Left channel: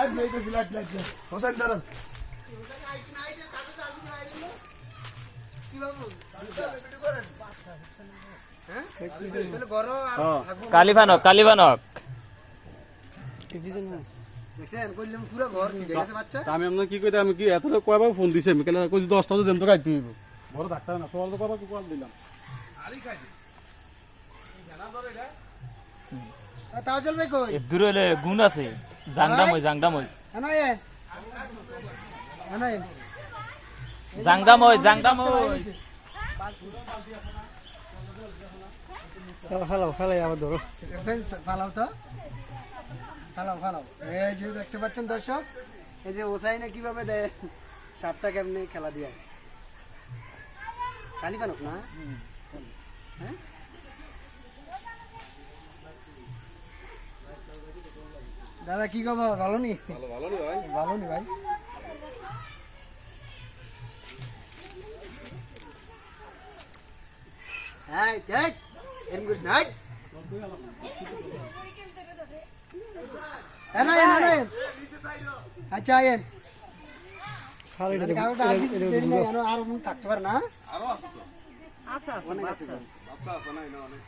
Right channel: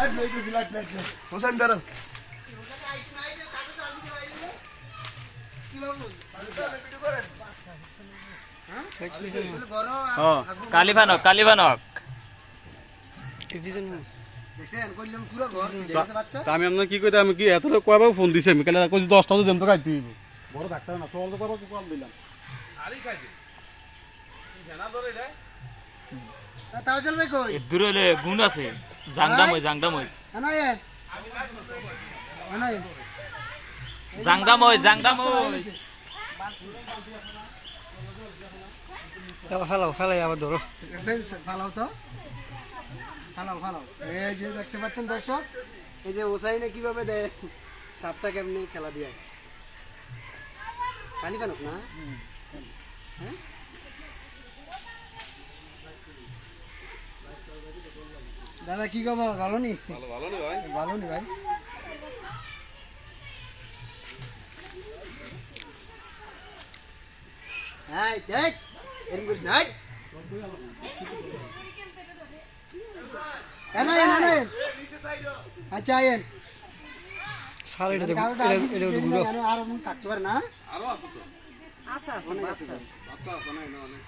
Light light light Hossain দাঁড়ান কালিভানক কালিভানক আমি আপনার কি কইতে আমি কি এত কয়বার ফোন দিছি আমি? কেন কইছি দশটা তো জেন্ত খাইতে হইব। বড় ডাক্তার না সকাল তো কয়বার কল দিলাম। তাওজল ভাই কই? দূরে গুণ আছে। জাংডা মই জাংডা মই আনায়ে। আনায়ে জাংডা মই জাংডা মই ফালাও ফালাই আবার ধরো ফালাও তো। ফালাও ফালাও। এই যে দেখতে পাচ্ছেন দর্শক এই যে ওসাইনে কীভাবে দেয় সাপটা কেমনি খেলা দিয়ে। কালি ফানুক না? হ্যাঁ দাদা কি খবর? ভালো নি? ভালো নি ভাই? হ্যাঁ দেখ এরম করিস না আচ্ছা আয়েন স্যার এটা দেখুন এটা আর মন থাকতে পারে না? আরও আছে তো। আচ্ছা আচ্ছা বাচ্চা আছে না এনে অনেক।